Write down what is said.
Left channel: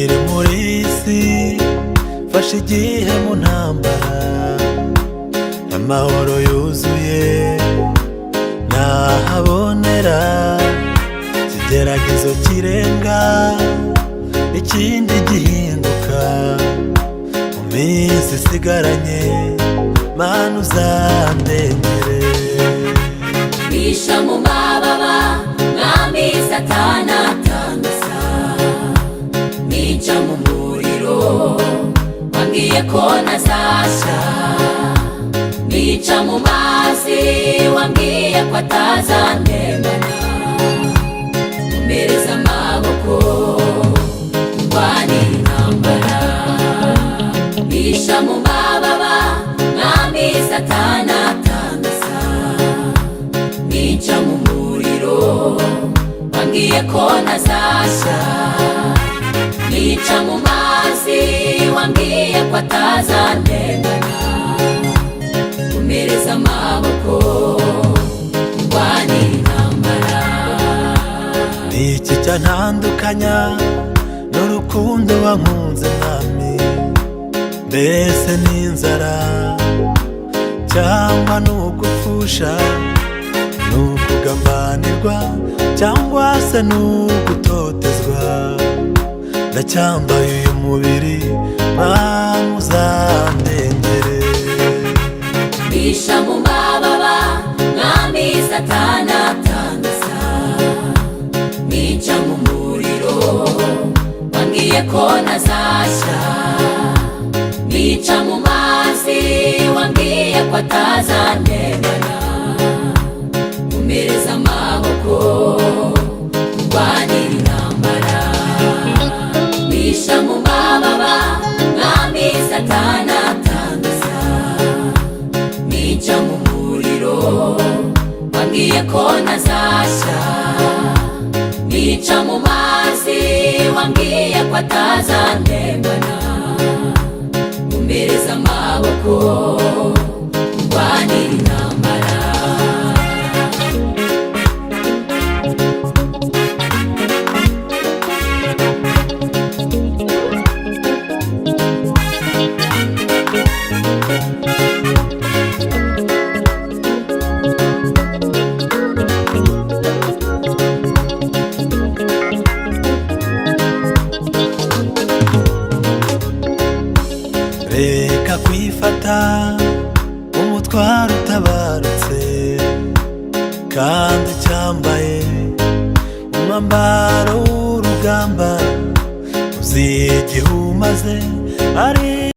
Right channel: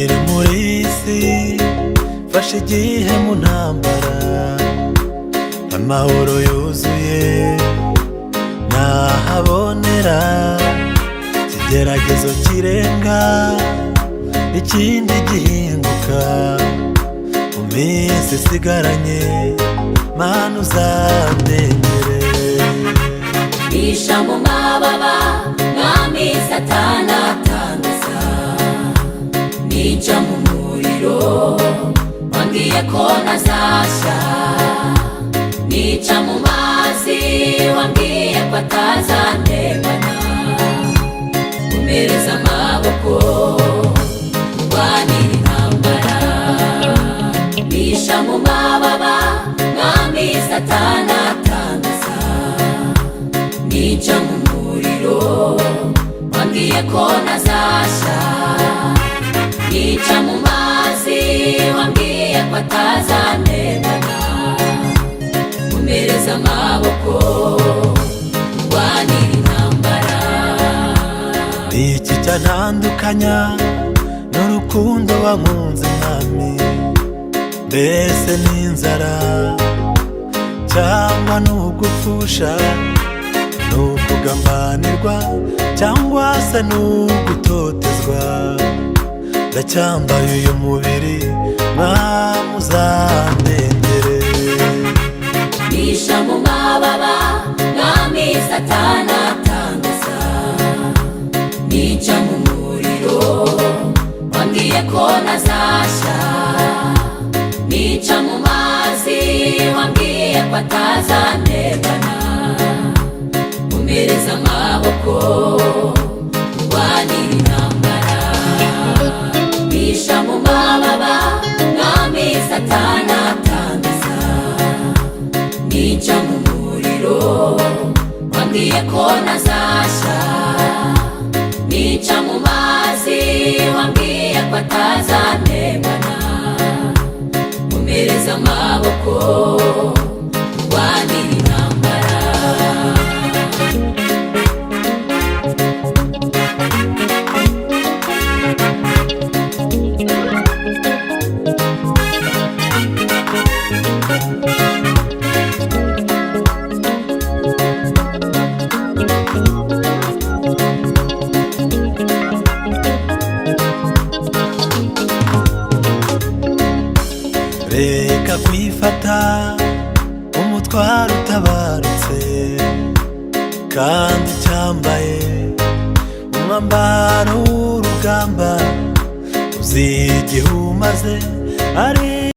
nkiri muri isi fashe igihe mu ntambara, amahoro yuzuye nahabonera, ikigeragezo kirenga ikindi gihinduka, mu minsi isigaranye Mana uzandengere. Bisha mu mababa mwami Satani atangaza, nica mu muriro wambwiye ko ntazasha, nica mu mazi wambwiye ko atazandemana, umereza amaboko urwanira intambara. Bisha mu mababa mwami Satani atangaza, nica mu muriro wambwiye ko ntazasha, nica mu mazi wambwiye ko atazandemana, umereza amaboko urwanira intambara. Niki cyantandukanya n'urukundo wankunze mwami? Mbese n'inzara cyangwa n'ugupfusha, n'ukugambanirwa cyangwa se n'ugutotezwa? Ndacyambaye uyu mubiri Mana uzandengere. Bisha mu mababa mwami Satani atangaza, nica mu muriro wambwiye ko ntazasha, nica mu mazi wambwiye ko atazandemana, umereza amaboko urwanira intambara. Bisha mu mababa mwami Satani atangaza, nica mu muriro wambwiye ko ntazasha, nica mu mazi wambwiye ko atazandemana, umereza amaboko urwanira intambara. Reka kwifata umutwaro utabarutse, kandi cyambaye umwambaro w'urugamba, uzi igihe umaze ari